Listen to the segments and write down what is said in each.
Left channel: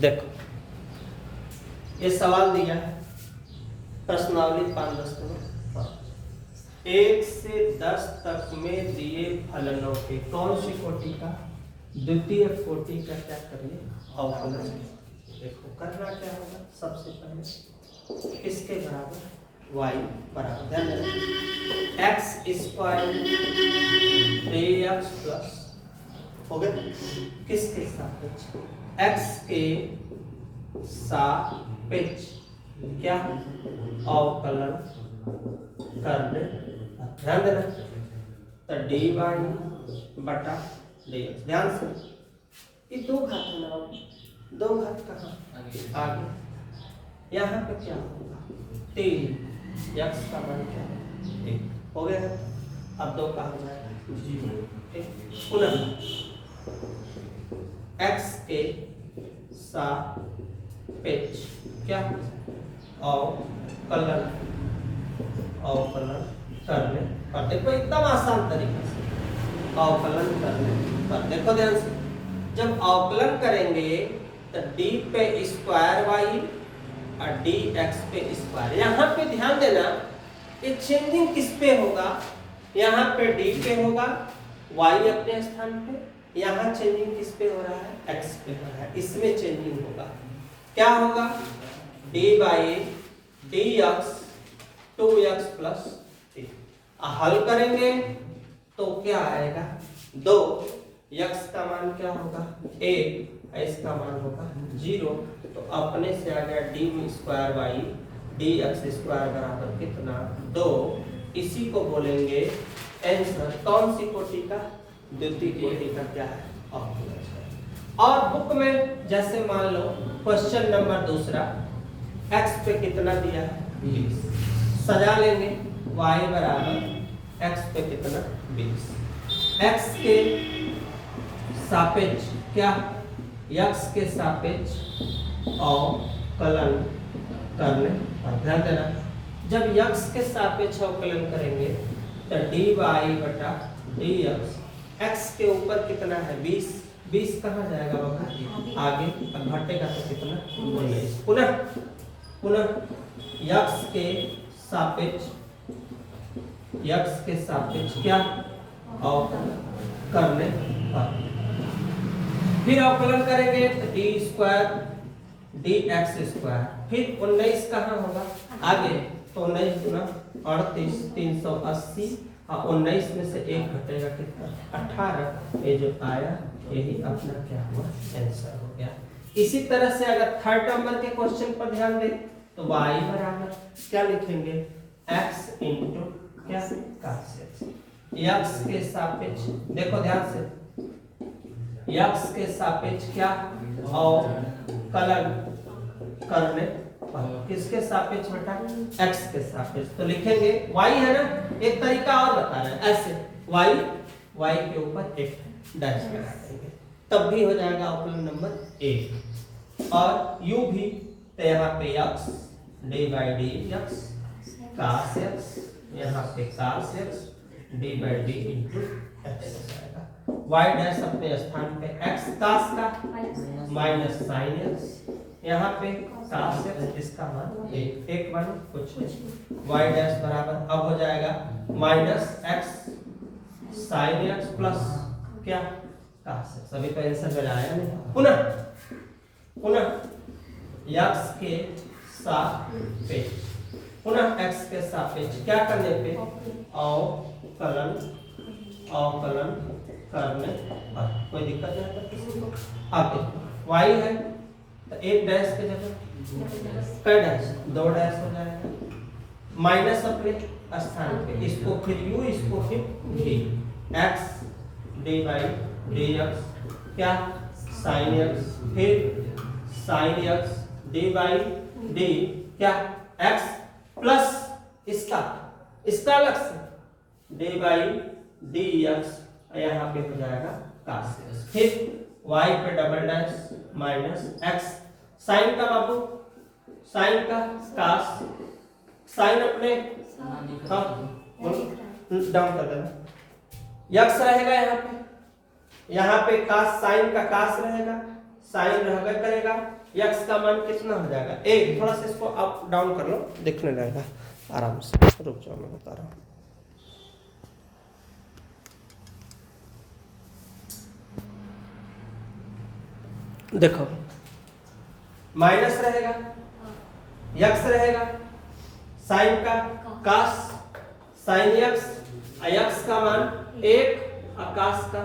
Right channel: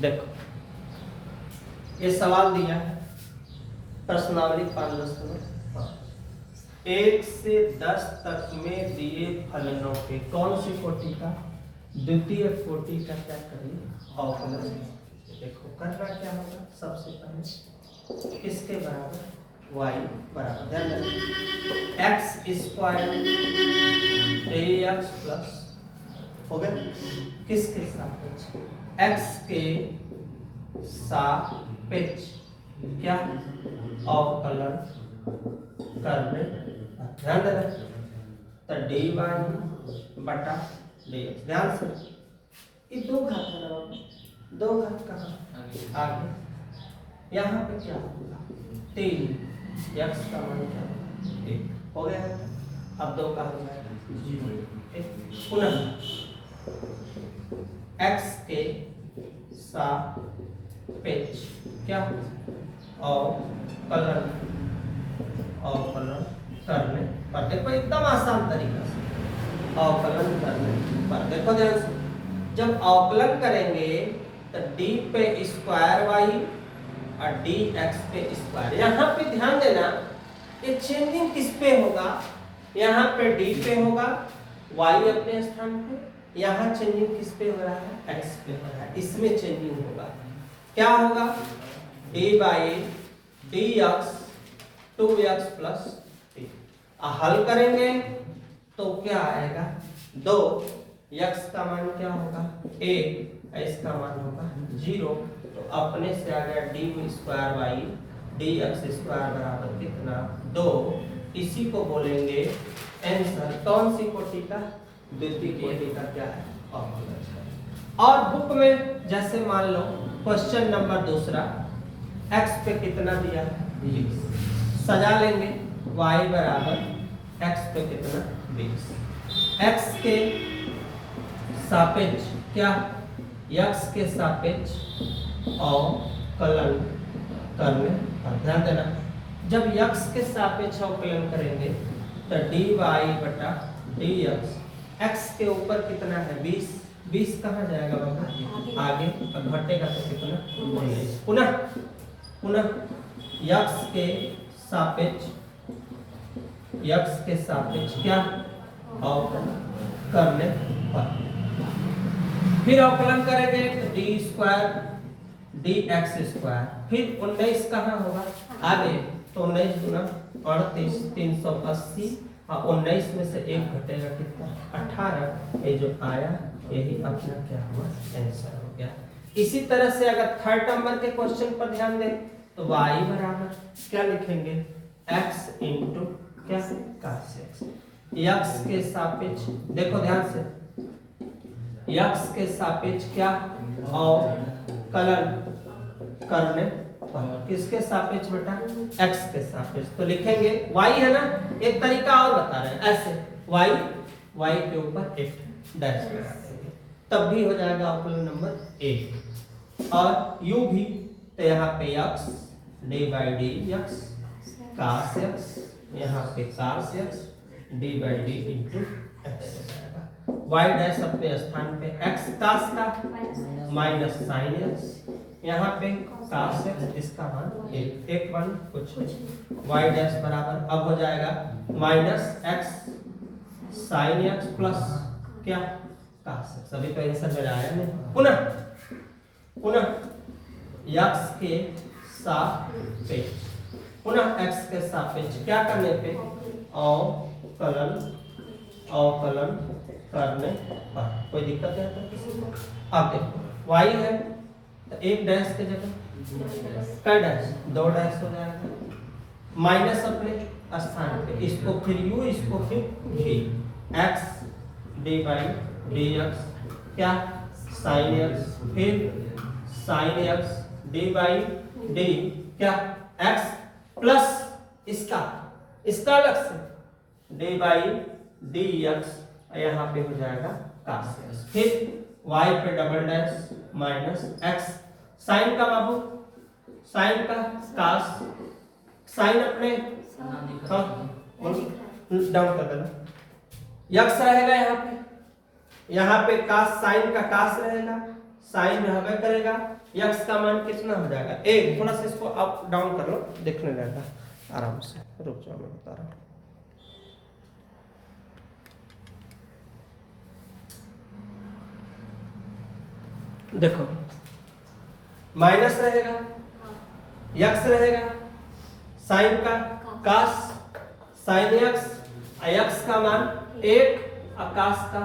देखो ये सवाल दिया है प्रश्नावली 5.10 1 से 10 तक में दिए फलनों के कौन सी कोटि का द्वितीय कोटि का क्या करिए अवकलन। देखो करना क्या होगा, सबसे पहले किसके बराबर y बराबर ध्यान रखिए x स्क्वायर ax प्लस हो गया किसके सापेक्ष x के सापेक्ष क्या अवकलन करने। ध्यान देना तो dy बटा dx। ध्यान से ये दो घात है ना, दो घात कहाँ आगे, यहाँ पे क्या होगा 3 x का मान क्या 1 हो गया। अब दो का हो जाएगा पुनः x के सापेक्ष क्या अवकलन करने पर। देखो एकदम आसान तरीका से अवकलन करने पर। देखो ध्यान से जब अवकलन करेंगे तो d पे स्क्वायर y और dx पे स्क्वायर। यहाँ पे ध्यान देना ये चेंजिंग किस पे होगा, यहाँ पे d पे होगा y अपने स्थान पे, यहाँ चेंजिंग किस पे हो रहा है x पे हो रहा है, इसमें चेंजिंग होगा। क्या होगा dy dx 2x प्लस 3। हल करेंगे तो क्या आएगा 2 x का मान क्या होगा 1 इसका मान होगा 0। तो अपने से आ गया d square y dx square बराबर कितना 2। इसी को बोलेंगे आंसर कौन सी कोटि का द्वितीय कोटि का क्या है अवकलन। और बुक में जैसे मान लो क्वेश्चन नंबर दूसरा x पे कितना दिया है 20, सजा लेंगे y बराबर x पे कितना 20, x के सापेक्ष क्या x के सापेक्ष अवकलन करने। ध्यान देना जब x के सापेक्ष अवकलन करेंगे तो dy बटा dx x के ऊपर कितना है 20, 20 कहाँ जाएगा बाबा आगे, घटेगा तो कितना 19। पुनः x के सापेक्ष क्या अवकलन करने पर। फिर अवकलन करेंगे d स्क्वायर dx स्क्वायर, फिर 19 कहाँ होगा आगे, तो 19 गुना 38 380 और 19 में से 1 घटेगा कितना 18। ये जो आया यही अपना क्या हुआ आंसर हो गया। इसी तरह से अगर थर्ड नंबर के क्वेश्चन पर ध्यान दें तो y बराबर क्या लिखेंगे x इंटू क्या cos x। x के सापेक्ष देखो ध्यान से x के सापेक्ष क्या अवकलन करने पर। किसके सापेक्ष बेटा x के सापेक्ष। तो लिखेंगे y है ना, एक तरीका और बता रहे हैं ऐसे y के ऊपर एक डैश लगा देंगे तब भी हो जाएगा अवकलन नंबर 1। और u भी तो यहाँ पे x d by dx cos x, यहाँ पे cos x d by d into x हो जाएगा। y डैश अपने स्थान पे x cos का माइनस sin x, यहाँ पे cos x इसका मान 1 वन कुछ y डैश बराबर अब हो जाएगा minus x sin x plus क्या cos x। सभी का आंसर मेरा आया नहीं। पुनः x के सापेक्ष x के सापेक्ष क्या करने पे अवकलन करने पर। कोई दिक्कत नहीं आता किसी को। अब देखो y है तो एक डैश के जगह कई डैश 2 डैश हो जाएगा, माइनस अपने स्थान पे, इसको फिर u इसको फिर v x d by dx क्या sin x फिर sin x d by d क्या x प्लस इसका अलग से d by dx यहाँ पे हो जाएगा cos x, फिर y पे double dash minus x sin का बाबू sin का cos sin अपने डाउन कर देना x रहेगा यहाँ पे cos sin का cos रहेगा साइन रहबे करेगा, x का मान कितना हो जाएगा 1। थोड़ा सा इसको अप डाउन कर लो, देखने रहेगा आराम से, रुक जाओ मैं बता रहा हूँ। देखो माइनस रहेगा, x रहेगा, साइन का कास साइन x, x का मान 1, आकाश का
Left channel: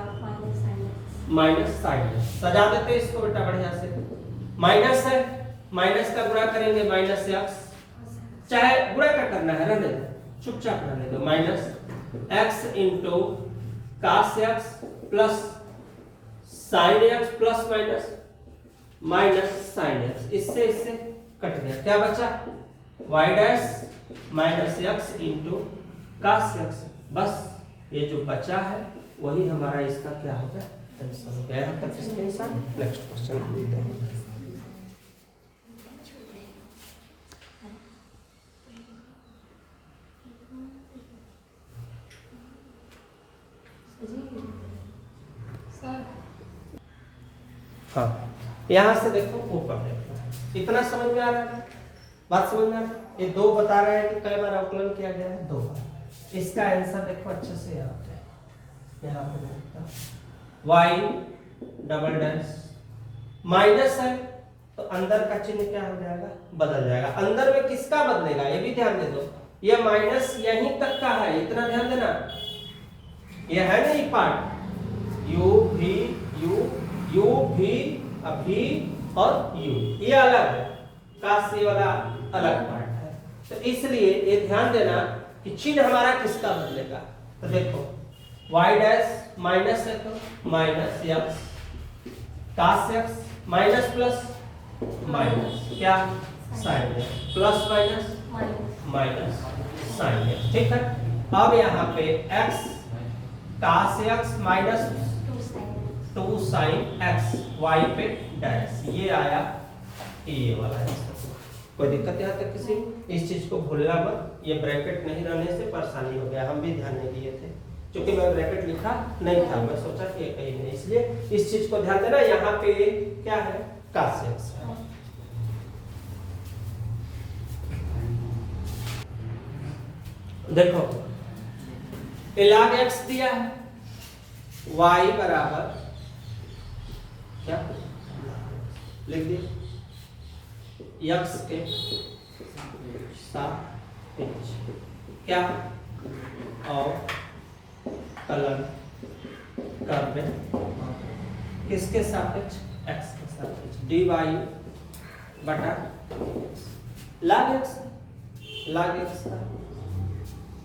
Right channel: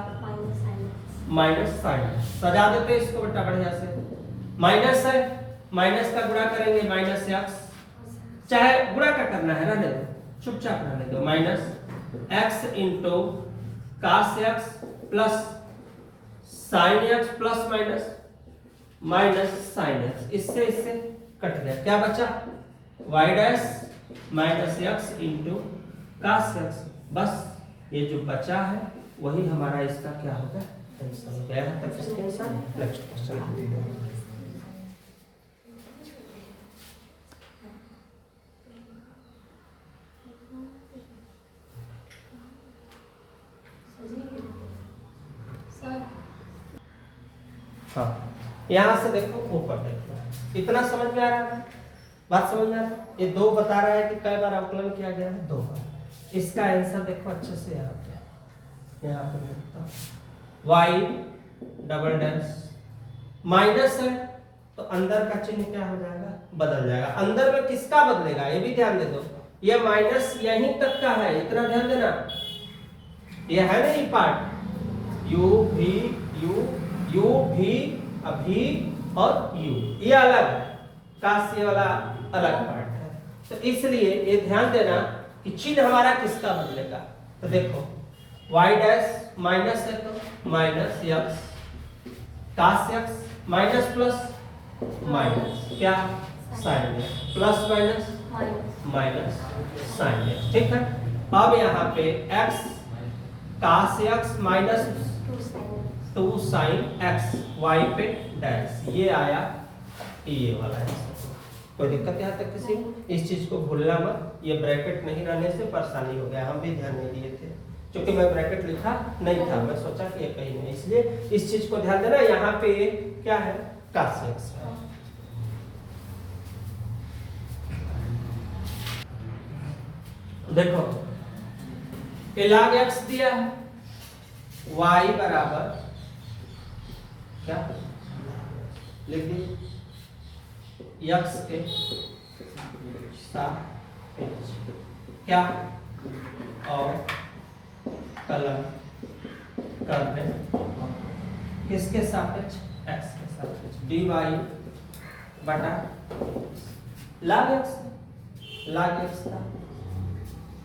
माइनस साइन। सजा देते इसको बेटा बढ़िया से। माइनस है, माइनस का गुणा करेंगे माइनस x, चाहे गुणा का करना है रहने दो, चुपचाप रहने दो। Minus x into cos x plus sine x plus minus minus sine x, इससे इससे कट गया, क्या बचा y dash minus x into cos x। बस ये जो बचा है वही हमारा इसका क्या होगा आंसर हो गया। तक इसके आंसर नेक्स्ट क्वेश्चन। हाँ यहाँ से देखो ऊपर देखो, इतना समझ में आ रहा है, बात समझ में आ रहा है। ये 2 बता रहा है कि कई बार अवकलन किया गया है, 2 बार। इसका आंसर देखो अच्छे से यहाँ पे, यहाँ पे लिखता y डबल डैश माइनस है तो अंदर का चिन्ह क्या हो जाएगा बदल जाएगा। अंदर में किसका बदलेगा ये भी ध्यान दे दो, ये माइनस यहीं तक का है, इतना ध्यान देना। ये है ना ये part u v u v अभी और u, ये अलग है, काश ये वाला अलग पार्ट है। तो इसलिए ये ध्यान देना कि चिन्ह हमारा किसका बदलेगा। तो देखो y डैश माइनस है तो minus x cos x minus plus minus क्या sine x plus minus minus sine x, ठीक है। अब यहाँ पे x cos x minus 2 sine x y पे डैश, ये आया ये वाला आंसर। कोई दिक्कत यहाँ तक किसी, इस चीज को भूलना मत, ये ब्रैकेट नहीं रहने से परेशानी हो गया, हम भी ध्यान नहीं दिए थे क्योंकि मैं ब्रैकेट लिखा नहीं था, मैं सोचा कि ये कहीं नहीं, इसलिए इस चीज को ध्यान देना। यहाँ पे क्या है काश x है। देखो ये log x दिया है, y बराबर क्या लिख दिए x के सापेक्ष क्या और कलन करने किसके सापेक्ष x के सापेक्ष dy बटा log x का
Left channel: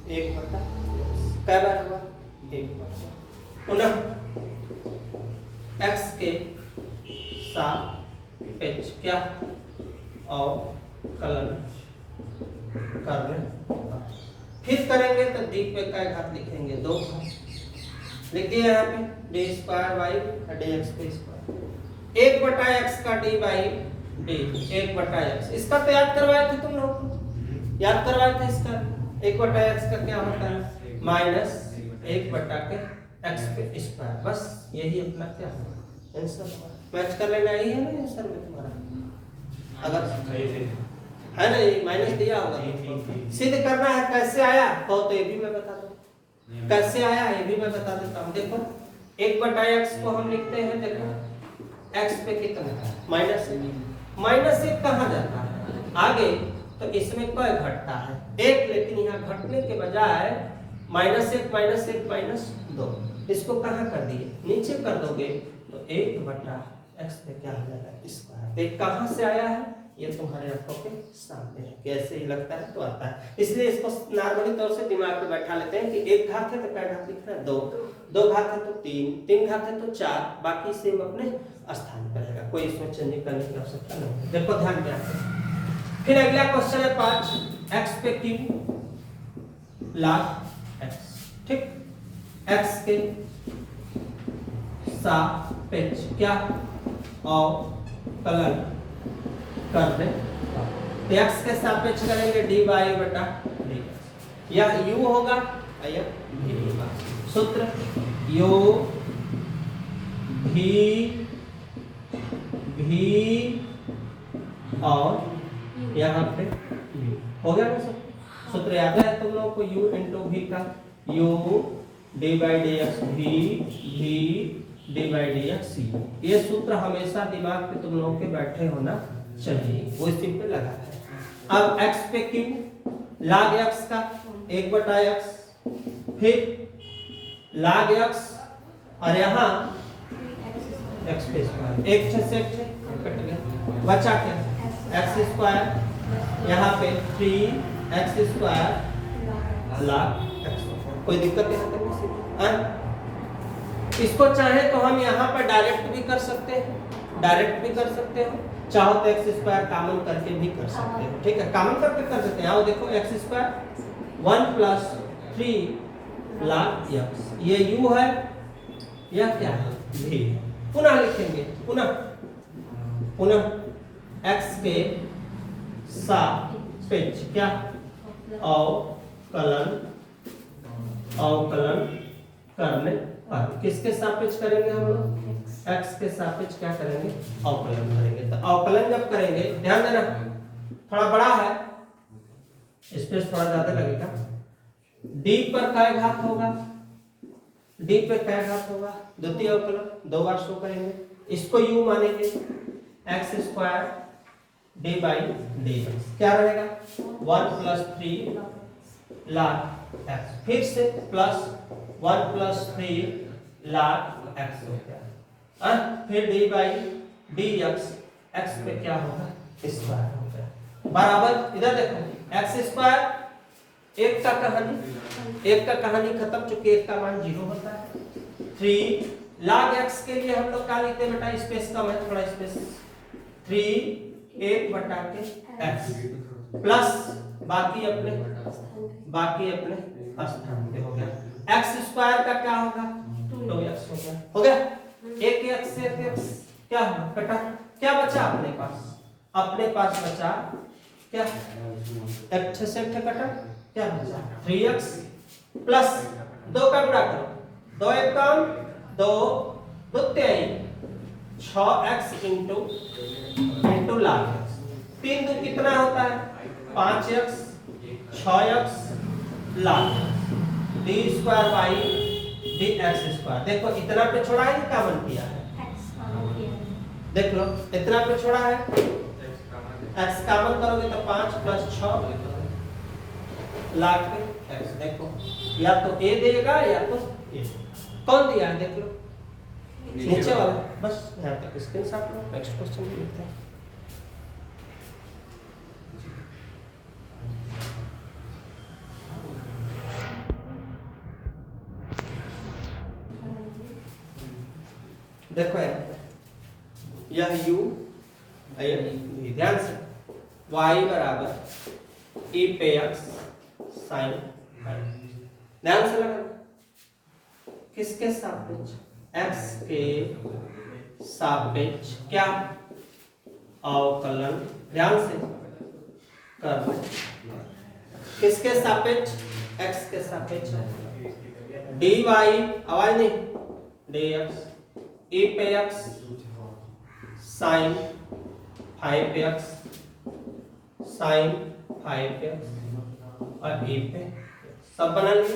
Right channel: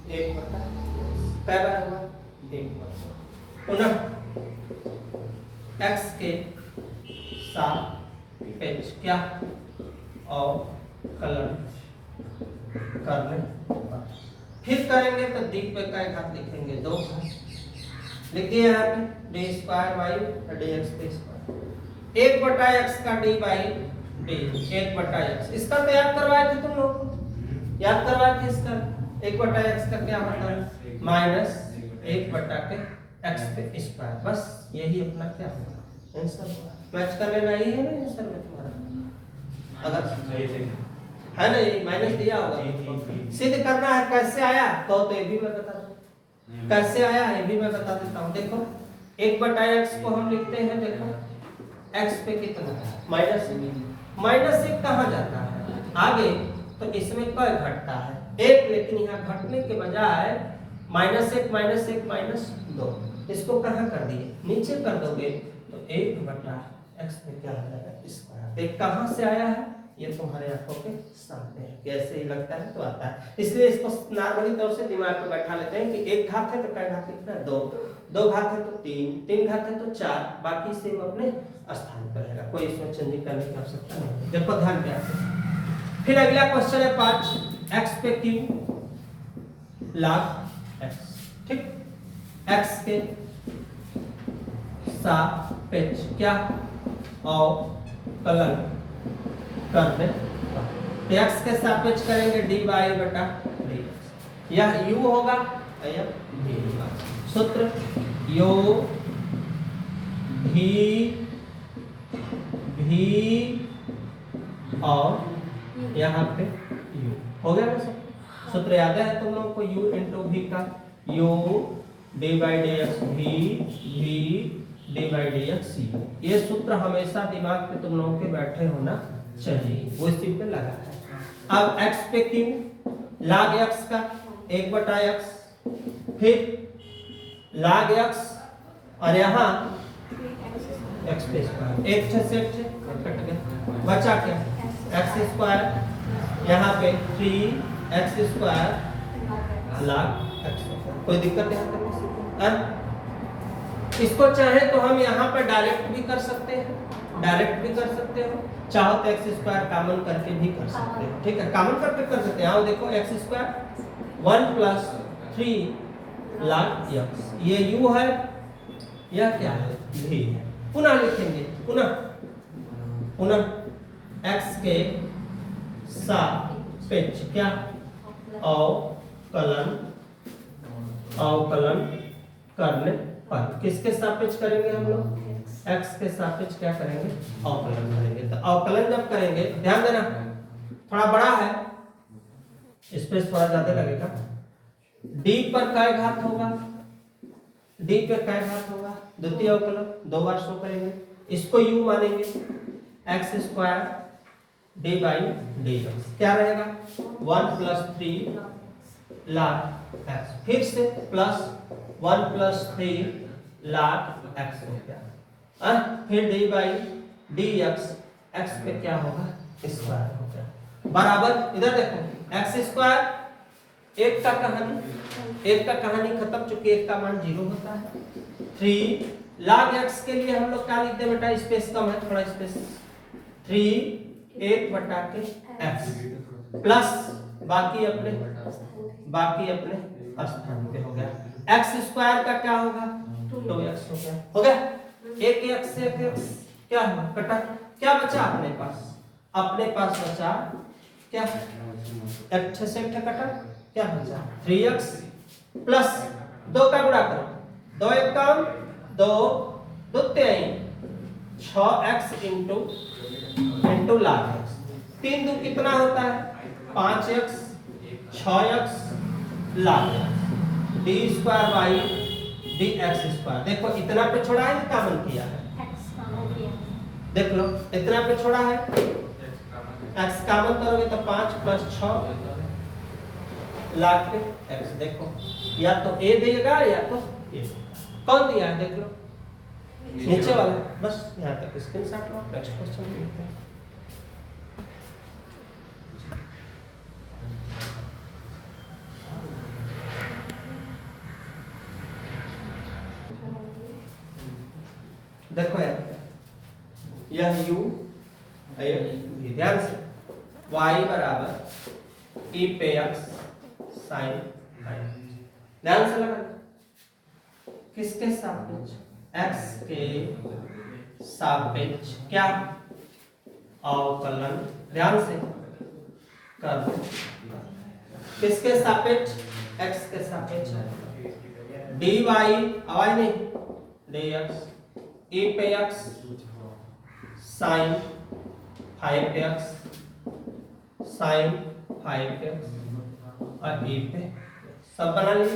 1 बटा क्या बार होगा 1 पुनः x के सापेक्ष क्या और कलन करने, फिर करेंगे तो डी पे क्या घात लिखेंगे 2 घात लिख दिया यहाँ पे डी स्क्वायर वाई dx पे स्क्वायर 1 बटा x का डी बाई डी 1 बटा x। इसका तो याद करवाए थे तुम लोग, याद करवाए थे इसका 1 बटा x का क्या होता है माइनस 1 बटा के x पे स्क्वायर। बस यही अपना क्या है आंसर, मैच कर लेना ही है ना आंसर में तुम्हारा। अगर है ना ये माइनस दिया होगा, सिद्ध करना है कैसे आया तो ये भी मैं बता दूं, कैसे आया ये भी मैं बता देता हूँ। देखो 1 बटा x को हम लिखते हैं, देखो x पे कितना है माइनस 1 कहाँ जाता है आगे, तो इसमें क्या घटता है 1, लेकिन यहाँ घटने के बजाय -1 माइनस 2, इसको कहाँ कर दिए नीचे कर दोगे तो 1 बटा x पे क्या हो जाएगा स्क्वायर। एक कहाँ से आया है ये तुम्हारे आंखों के सामने है, कैसे ही लगता है तो आता है। इसलिए इसको नॉर्मली तौर से दिमाग में बैठा लेते हैं कि 1 घात है तो क्या घात लिखना है 2, 2 घात है तो 3 घात है तो 4, बाकी से अपने स्थान पर रहेगा, कोई इसमें चेंज करने की आवश्यकता नहीं। देखो ध्यान दें। फिर अगला क्वेश्चन है 5, x पे q log x, ठीक, x के सापेक्ष क्या और कलन करने, x के सापेक्ष करेंगे dy बटा dx, यह u होगा यह v होगा। सूत्र u v भी और यहाँ पे u हो गया ना सब। सूत्र याद है तुम लोग को u इंटू v का u d by d x भी d by d x u। ये सूत्र हमेशा दिमाग पे तुम लोगों के बैठे होना चाहिए, वो इसी पे लगा है। अब x पे q log x का 1/x, फिर log x और यहाँ x पे स्क्वायर, एक से कट गया, बचा क्या x स्क्वायर, यहाँ पे 3x स्क्वायर log x। कोई दिक्कत नहीं है। इसको चाहे तो हम यहाँ पर डायरेक्ट भी कर सकते हो, चाहो तो x स्क्वायर कॉमन करके भी कर सकते हैं, ठीक है, कॉमन करके कर सकते हैं। आओ देखो x square 1 plus 3 log x, ये u है, यह क्या है v। पुनः लिखेंगे, पुनः x के सापेक्ष क्या अवकलन करने पर, किसके सापेक्ष करेंगे हम लोग, x के सापेक्ष क्या करेंगे, अवकलन करेंगे। तो अवकलन जब करेंगे, ध्यान देना थोड़ा बड़ा है, स्पेस थोड़ा ज्यादा लगेगा। d पर काय घात होगा, d पे काय घात होगा, द्वितीय अवकलन 2 बार शो करेंगे, इसको u मानेंगे, x square D by d x क्या रहेगा 1 प्लस 3 log x, फिर से प्लस 1 प्लस 3 log x हो गया, फिर डी बाई डी एक्स पे क्या होगा स्क्वायर हो गया, बराबर इधर देखो x स्क्वायर एक का कहानी खत्म, चूंकि एक का मान 0 होता है। 3 log x के लिए हम लोग क्या लिखते हैं बेटा, स्पेस कम है, थोड़ा स्पेस, 3 1/x प्लस बाकी अपने स्थान पे हो गया। x स्क्वायर का क्या होगा 2x हो गया, एक x से एक x क्या है कटा, क्या बचा अपने पास बचा क्या, x से एक कटा, क्या बचा 3x प्लस 2 का गुणा करो, 2 एक कम 2 2 3 6x इंटू log x, 3 2 कितना होता है 5x 6x log d square by dx square. देखो इतना पे छोड़ा है, कॉमन किया है, देख लो इतना पे छोड़ा है, x कॉमन करोगे तो 5 प्लस 6 log पे x। देखो या तो a देगा या तो a, कौन दिया है देख लो नीचे वाला, बस यहाँ तक स्क्रीनशॉट लो, नेक्स्ट क्वेश्चन देखते हैं। देखो यह u ध्यान से y बराबर e पे x sin, ध्यान से लगा किसके सापेक्ष, x के सापेक्ष क्या अवकलन, ध्यान से कर, किसके सापेक्ष x के सापेक्ष dy आवाज नहीं dx e पे x sin 5x और e पे सब बना लिए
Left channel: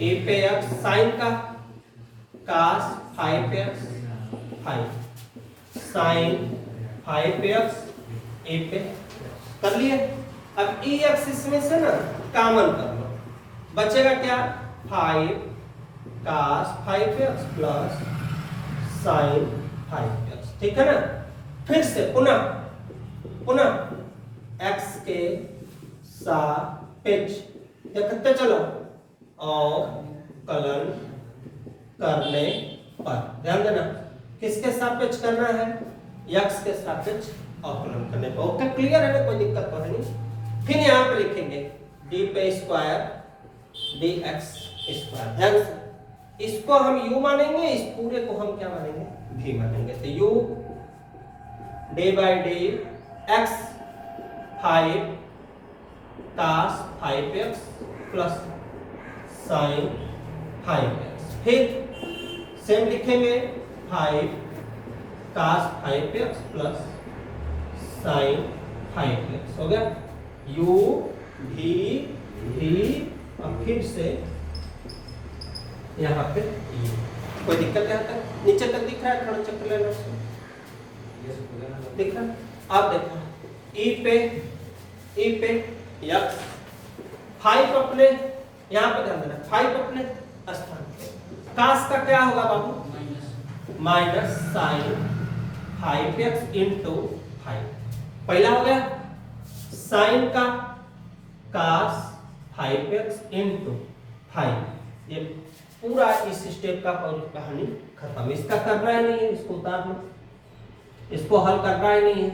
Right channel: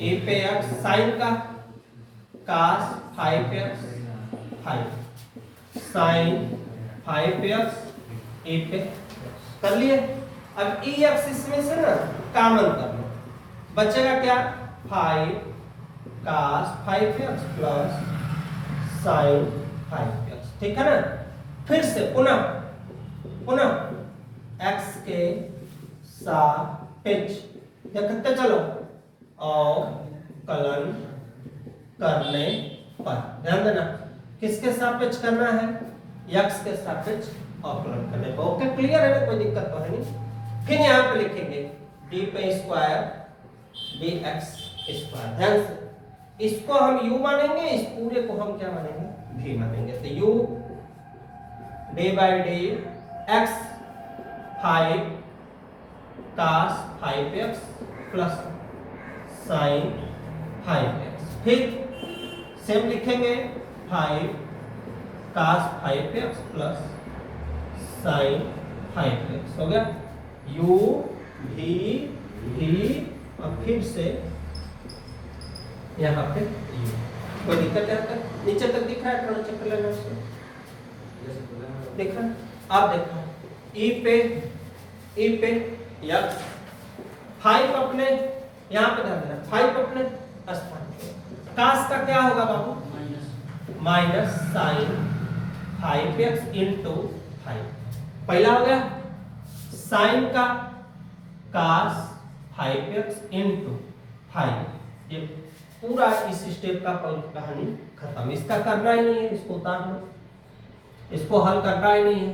e पे x sin का cos 5x 5 sin 5x e पे कर लिए। अब e x इसमें से ना कॉमन कर लो, बचेगा क्या 5 cos 5x plus sin 5x, ठीक है ना। फिर से पुनः x के सापेक्ष देखते चलो अवकलन करने पर, ध्यान देना किसके सापेक्ष करना है, x के सापेक्ष अवकलन करने पर। ओके क्लियर है ना, कोई दिक्कत तो है नहीं। फिर यहाँ पे लिखेंगे d पे स्क्वायर dx स्क्वायर, ध्यान से इसको हम u मानेंगे, इस पूरे को हम क्या मानेंगे v मानेंगे। तो u d by D x 5 cos 5x plus sin 5x, फिर सेम लिखेंगे 5 cos 5x plus sin 5x हो गया। u भी और फिर से यहाँ पे कोई दिक्कत है? तक नीचे तक दिख रहा है? थोड़ा चेक कर लेना उसको, दिख रहा है? आप देखो ई पे यक्स 5 अपने यहाँ पे ध्यान देना, 5 अपने स्थान पे, कास का क्या होगा बाबू? माइनस साइन 5x इंटू 5, पहला हो गया। साइन का कास 5x इंटू 5, ये पूरा इस स्टेप का कहानी खत्म। इसका करना ही नहीं है, इसको उतार लो, इसको हल करना ही नहीं है।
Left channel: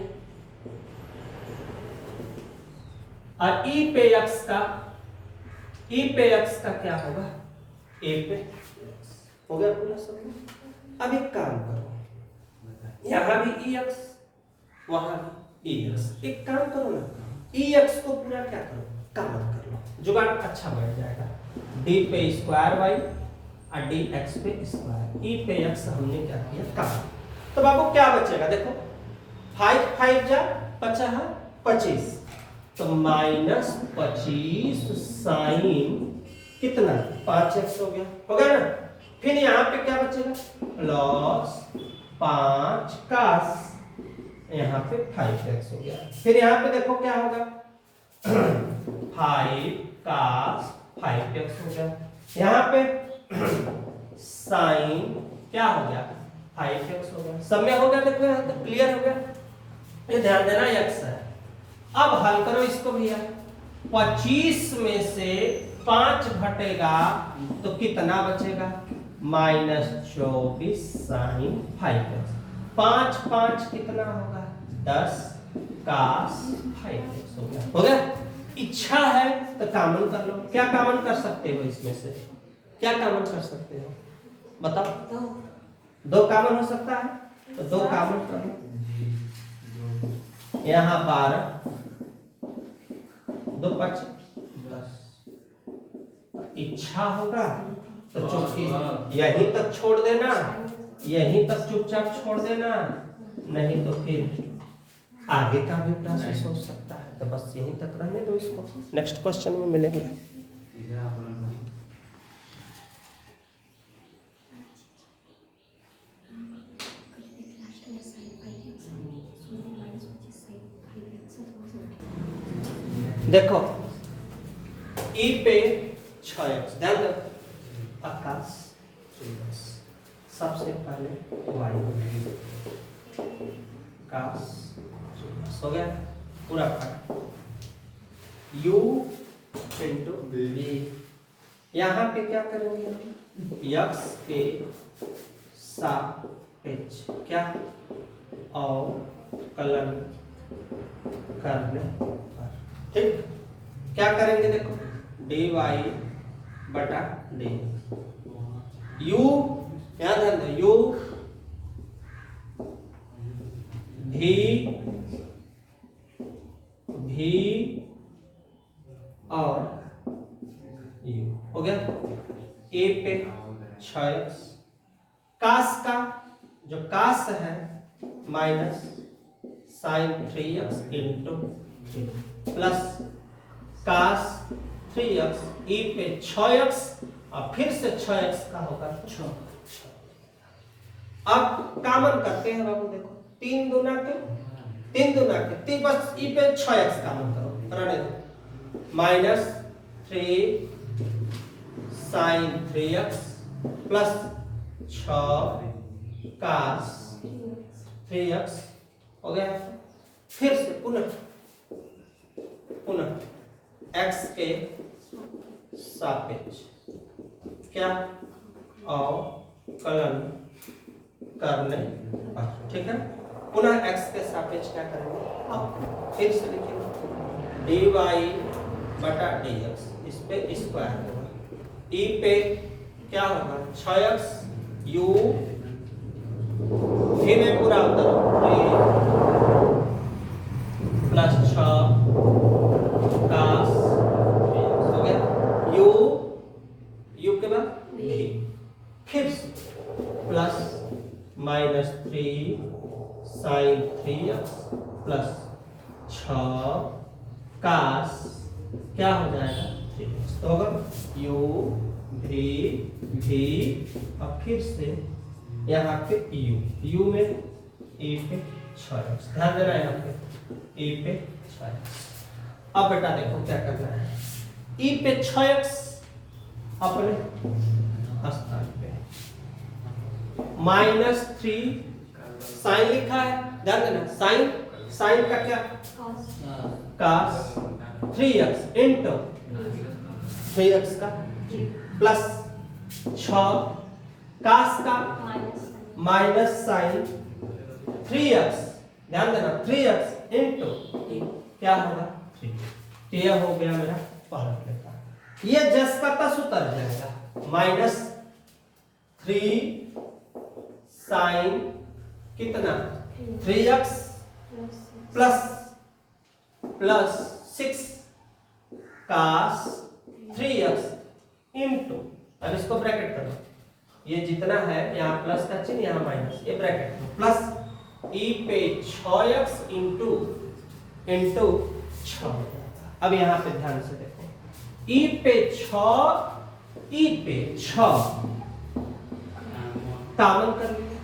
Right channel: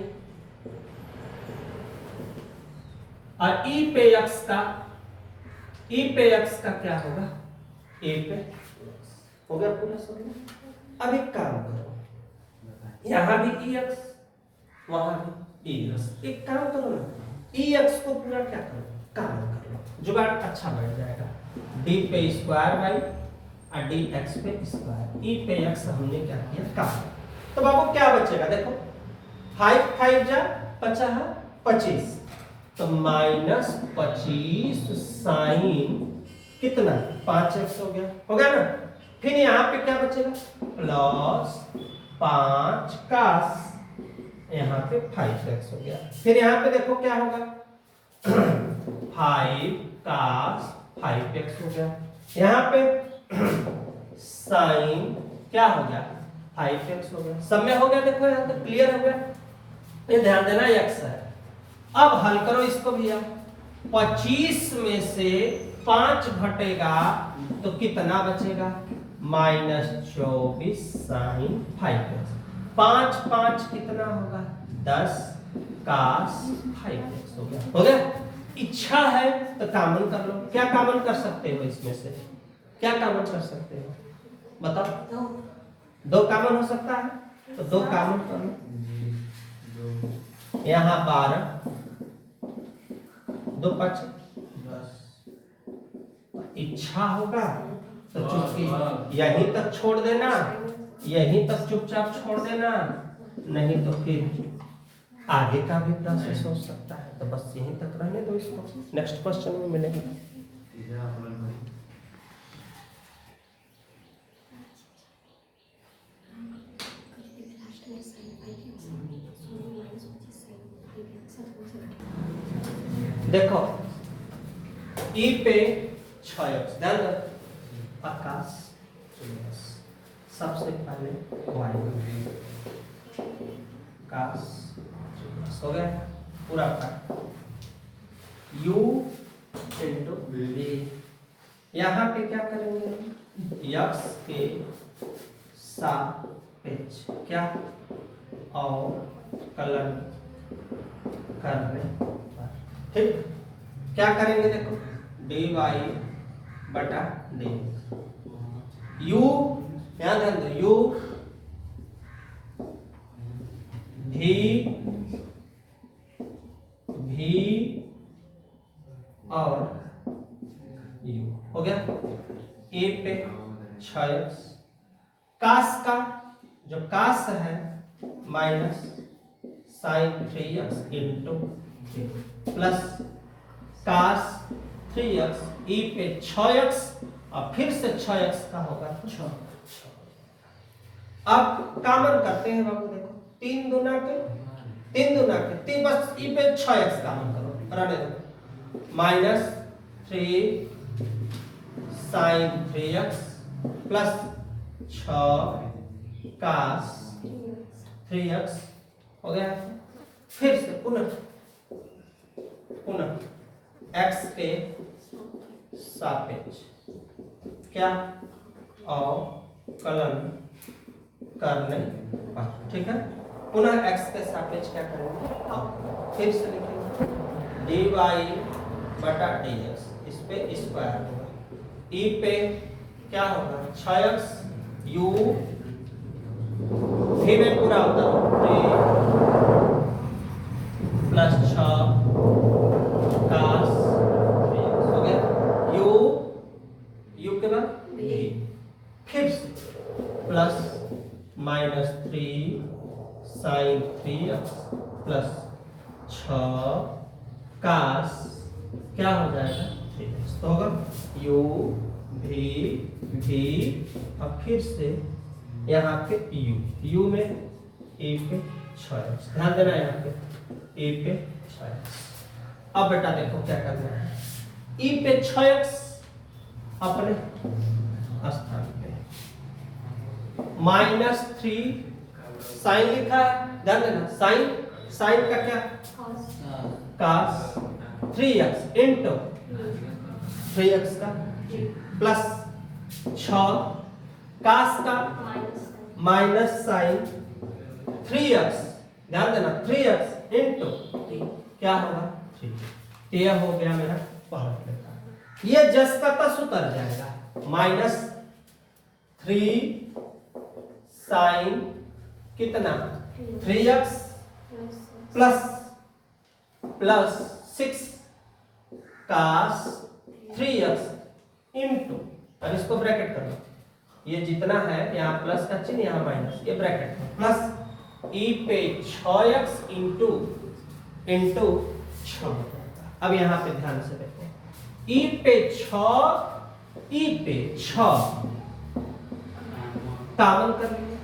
और ई पे एक्स का क्या होगा? ए पे हो गया पूरा समझ। अब एक काम करो, यहां भी ई एक्स, वहां भी ई एक्स, एक काम करो ना, ई एक्स को पूरा क्या करो, काम कर लो, जुगाड़ अच्छा बैठ जाएगा। डी पे स्क्वायर वाई और डी एक्स पे स्क्वायर, ई पे एक्स हमने क्या किया, काम। तो बाबू क्या बचेगा? देखो 5 5 जा बचा है 25, तो माइनस 25 साइन कितना 5x हो गया ना। फिर यहाँ पे क्या बचेगा? प्लस 5 कास, यहाँ पे 5x हो गया। फिर यहाँ पे देखो क्या होगा 5 कास 5x हो गया। यहाँ पे साइन क्या हो गया 5x हो गया। सब में हो गया, देखो यहाँ तक क्लियर हो गया। ये ध्यान देना x है। अब हल करो इसको भैया, 25 में से 5 घटेगा तो कितना बचेगा? माइनस 24 साइन 5x, 5 5 कितना होगा 10 कास 5x हो गया। इच्छा है तो कॉमन कर लो। क्या कॉमन कर सकते हो इसमें से? क्या कॉमन कर सकते हो बताओ? दो कॉमन हो सकता है, तो दो कॉमन कर लो। यहाँ 12 2 5 10, इच्छा होगा तो चुपचाप यहीं तक छोड़ देना, यहीं तक चुपचाप छोड़ देना, नहीं तो फिर आगे का भी प्रोसेस हो सकता है। तो बस यहीं तक रहने दो इसको, नेक्स्ट क्वेश्चन में मिलेंगे। देखो ई पे 6x, ध्यान दो, आकाश सबसे पहले y काश हो गया पूरा का u इंटू बी। यहाँ पे क्या करेंगे? x के सापेक्ष क्या अवकलन करने पर, ठीक क्या करेंगे? देखो dy बटा डी, u यहाँ ध्यान दो, u भी और u हो गया। a पे 6x, कास का जो कास है minus sine 3x into plus cos 3x, e पे 6x और फिर से 6x का होगा 6। अब कॉमन करते हैं बाबू, देखो 3 दूना के 3 बस ई पे 6x कॉमन करो, रहने दो, माइनस 3 साइन 3x प्लस 6 कास 3x हो गया। फिर से पुनः x के सापेक्ष क्या अवकलन करने पर, ठीक है। पुनः x के सापेक्ष क्या करेंगे? फिर से लिखेंगे dy बटा dx, इस पे स्क्वायर होगा, e पे क्या होगा 6x, u भी में पूरा उतर प्लस 6 कास हो गया, u के बाद v, फिर से plus minus 3 sine 3x plus 6 cos क्या हो जाएगा 3x, तो होगा u भी अब फिर से यहाँ पे u में e पे 6x, ध्यान देना है यहाँ पे e पे 6x। अब बेटा देखो क्या करना है, e पे 6x अपने स्थान पे -3 साइन लिखा है, ध्यान देना साइन का क्या cos 3x इंटू 3x का प्लस 6 cos का माइनस साइन 3x, ध्यान देना 3x इंटू क्या होगा 3, यह हो गया मेरा पहला लेता, ये जस का तस उतर जाएगा, -3 साइन कितना 3x plus 6 cos 3x into, अब इसको ब्रैकेट करो, ये जितना है यहाँ प्लस का चिन्ह यहाँ माइनस, ये ब्रैकेट प्लस e पे 6x इंटू 6। अब यहाँ पे ध्यान से देखो, e पे 6 कॉमन कर लीजिए,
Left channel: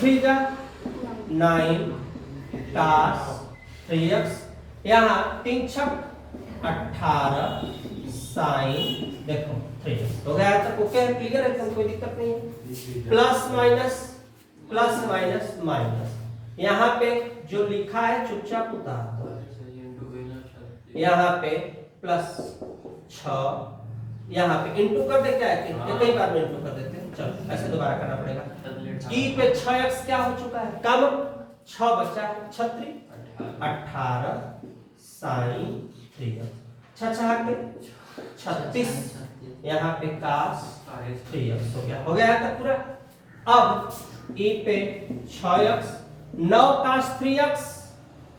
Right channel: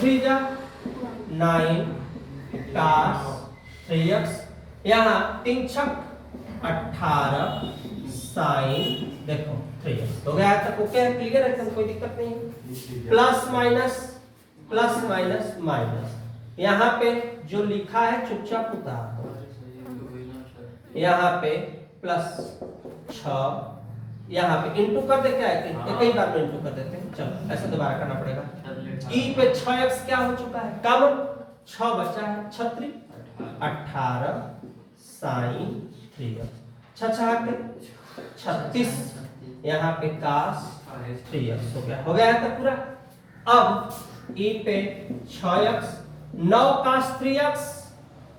3 जा 9 cos 3x, यहाँ 3 छक 18 साइन देखो 3x हो गया, तक ओके है, क्लियर है, कोई दिक्कत नहीं है। प्लस माइनस यहाँ पे जो लिखा है चुपचाप उतार दो, यहाँ पे प्लस 6 यहाँ पे इंटू कर दे, क्या है कई बार में इंटू कर देते हैं, चलो ऐसे दोबारा करना पड़ेगा। e पे 6x क्या हो चुका है, कम 6 बचा है 36 18 साइन 3x, 6 के 36 यहाँ पे cos 3x हो गया है तब पूरा। अब e पे 6x 9 cos 3x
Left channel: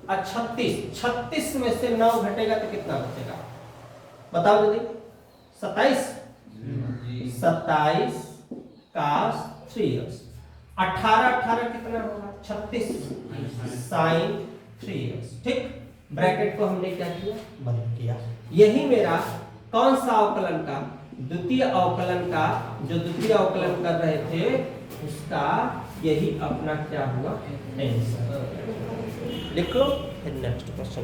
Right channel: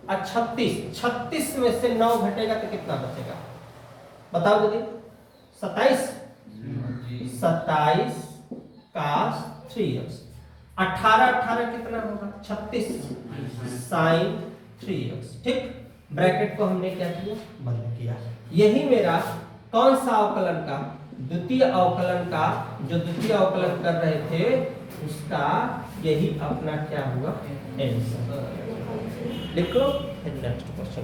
और 36 में से 9 घटेगा तो कितना बचेगा बताओ दीदी, 27 cos 3x, 18 कितना होगा 36 साइन 3x, ठीक। ब्रैकेट को हमने क्या किया बंद किया। यही मेरा कौन सा अवकलन का द्वितीय अवकलन का जो द्वितीय अवकलन कर रहे थे उसका यही अपना क्या हुआ आंसर। लिख लो नेक्स्ट क्वेश्चन।